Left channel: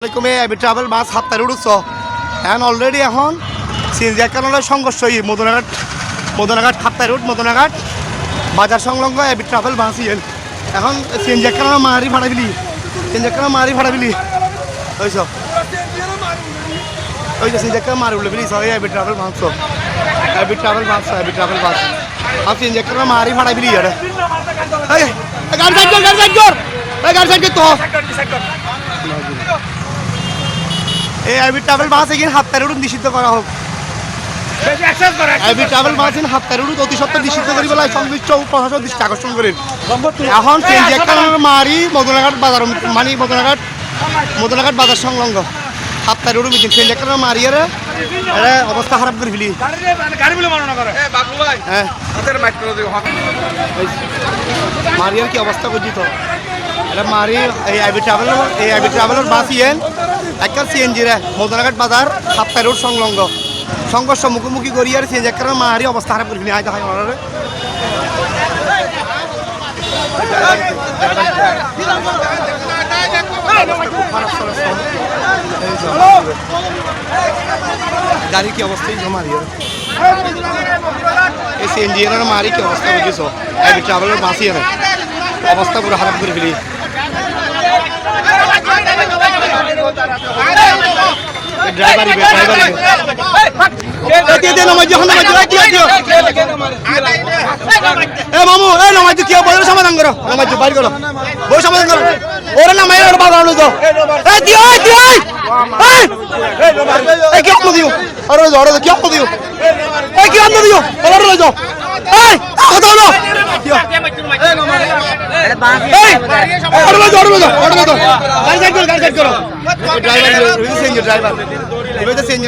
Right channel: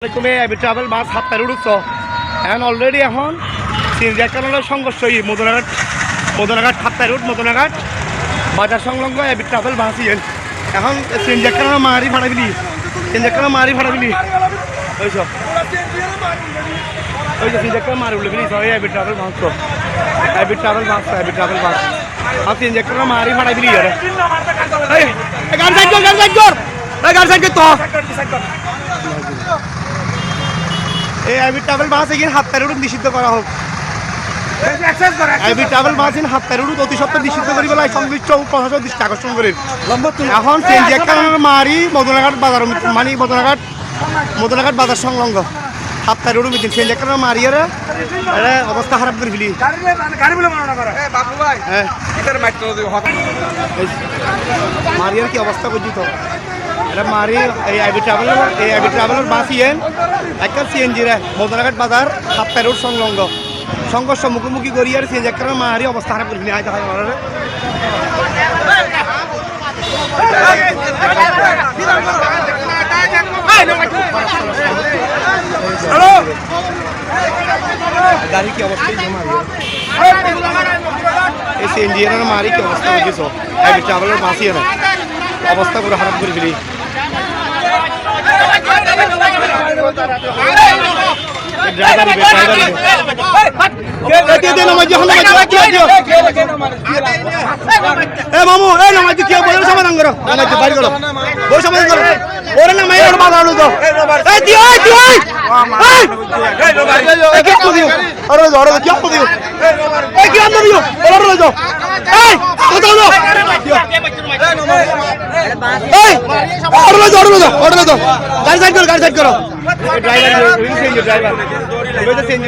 travel বাস 7টায় উঠছ এখন already এখন CNG কারণে সংঘর্ষ মদনাঘাট 7টায় রুট মদনাঘাট বাজার সংলগ্ন ট্রাভেল বাস এখন সিএনজি কারণে মারি ফাটাবিলি ওই সব ওই যে সিএনজি মারি উঠলে বিলি সব ট্রাভেল বাস আর সিএনজি কারণে মারি ফাটাবিলি গাড়ি সাইড কর তো ট্রাভেল বাস এগিয়ে 7টায় রুট নিষিদ্ধ করা হোক ট্রাভেল বাস হাতটার রুট অতি সত্ত্বর নিষিদ্ধ করি বেলায় সংশ্লিষ্ট প্রশাসন দৃষ্টি আকর্ষণ করেন এখন সিএনজি একটা মারি মদনাঘাট বাজার মানে মদনাঘাট বাজার সংলগ্ন 7টায় রুট মিটিং সিএনজি একটা মারিয়ে এটা অবস্থা খারাপ করে ফেলি হ্যাঁ মারিয়ার কি অবস্থা করছি তো এটা মারি এই আইবি ট্রাভেলের বাস একটা সিএনজি রে মদনাঘাট বাজার 7টায় রোড সংলগ্ন সংঘর্ষ মুখোমুখি করি আর সিএনজি একটা মারি অবস্থা খারাপ করে আয় হয় ওনারে গাড়ি কি অবস্থা মারি এই সিএনজি এর মারি কি অবস্থা বুঝিস আইবি ট্রাভেলের বাসই না অবস্থা পুরো খারাপ করে ফেলি সমাধান করো বাইর করো বই সমাধান করো ওরা নামাই বাধা হলো তো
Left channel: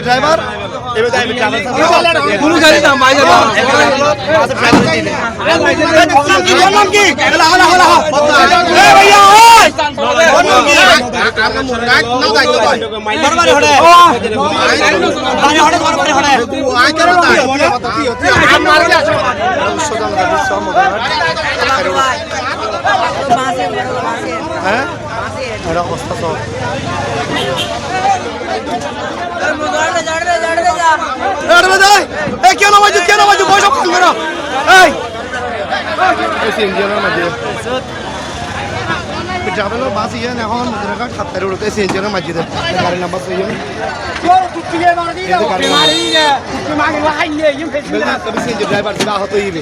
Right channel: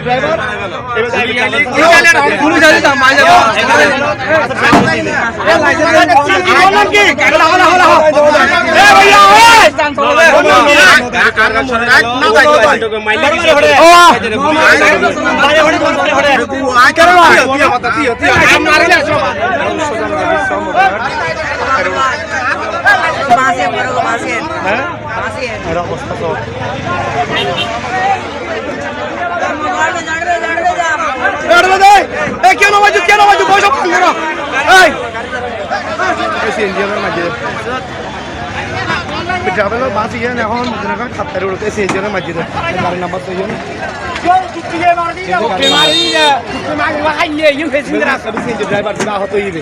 ড্রাইভার হ্যাঁ অবস্থা তো কেন বাজু বয়স করো ট্রাভেলের বাস ইয়ে এখন মদনাঘাট 7টায় রোড সিএনজির মাঝে গাড়ি নাম্বার তো সিএনজি ড্রাইভার আহত হইবে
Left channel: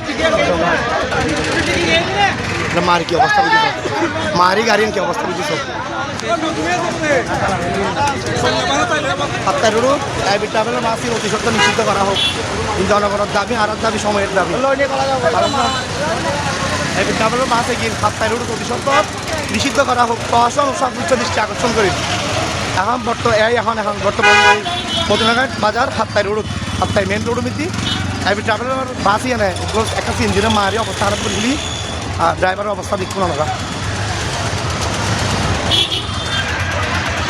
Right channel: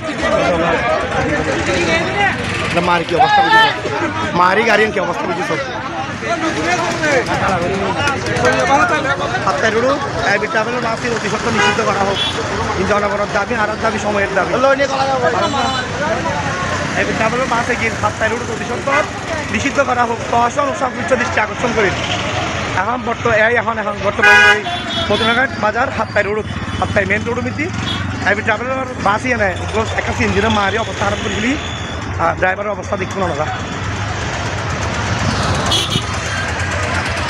মারি কি অবস্থা বুঝিস মারি গাড়ির কি অবস্থা বুঝিস 7টায় রোড ট্রাভেলের বাস অতি সত্ত্বর নিষিদ্ধ করা হোক জনগণের দাবি আর দাবি সময়ের দাবি ট্রাভেলের বাসে গিয়ে 7টায় রোড অতি সত্ত্বর নিষিদ্ধ করা হোক প্রশাসন ও সংশ্লিষ্ট দৃষ্টি আকর্ষণ করে এখন বর্তমানে মদনাঘাট বাজার 7টায় রোড 7টায় মেন রোড মিতি ট্রাভেলের বাসই এনে একটা সিএনজির মারি অবস্থা খারাপ করে ফেলি আর ড্রাইভারের অবস্থা দেখুন আমরা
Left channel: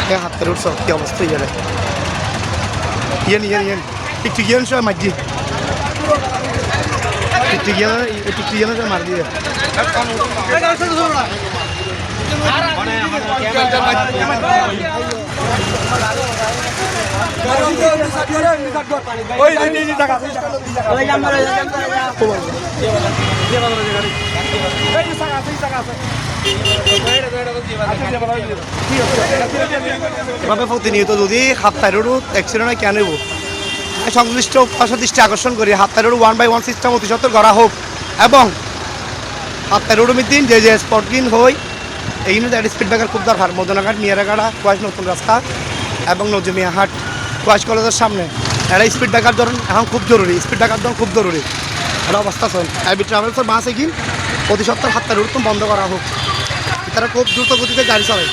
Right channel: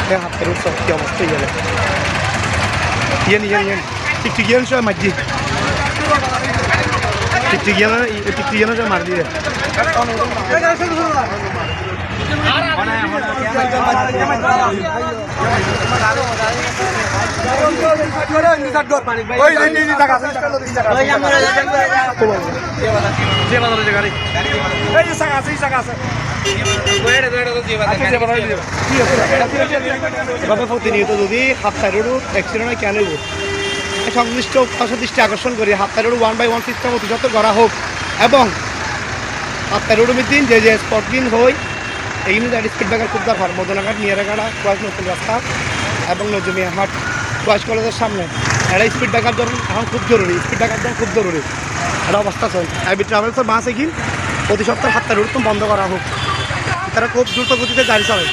7টায় রোড সব কি অবস্থা ইয়ে টিকটিকিয়ান সব মাঝি টিকটিকিয়ান সব মার দিয়ে এভাবে প্রতিনিয়ত যদি 7টায় রোড অ্যাক্সিডেন্ট কেন নেব সংশ্লিষ্ট দৃষ্টি আকর্ষণ করি 7টায় রোড 1/1 সিস্টেম অতি সত্ত্বর করা হোক এবং 7টায় রোড মিদিন যে স্পটকিন হই এইগুলো স্পিড ব্রেকার খুব দরকার মদনাঘাট নিয়ারাগাড়া কোয়াশ নতুন রাস্তা এবং নজমিয়াহাট কোয়াশ কলেজের সামনে এটা স্পিড ব্রেকার ধরুন এখন খুব জরুরি এটা অবস্থা চল আইবি ট্রাভেলসের বাস এগিয়ে অতি সত্ত্বর 7টায় রোড বন্ধ করা হোক তারা খুব দ্রুত গতিতে গাড়ি চালায়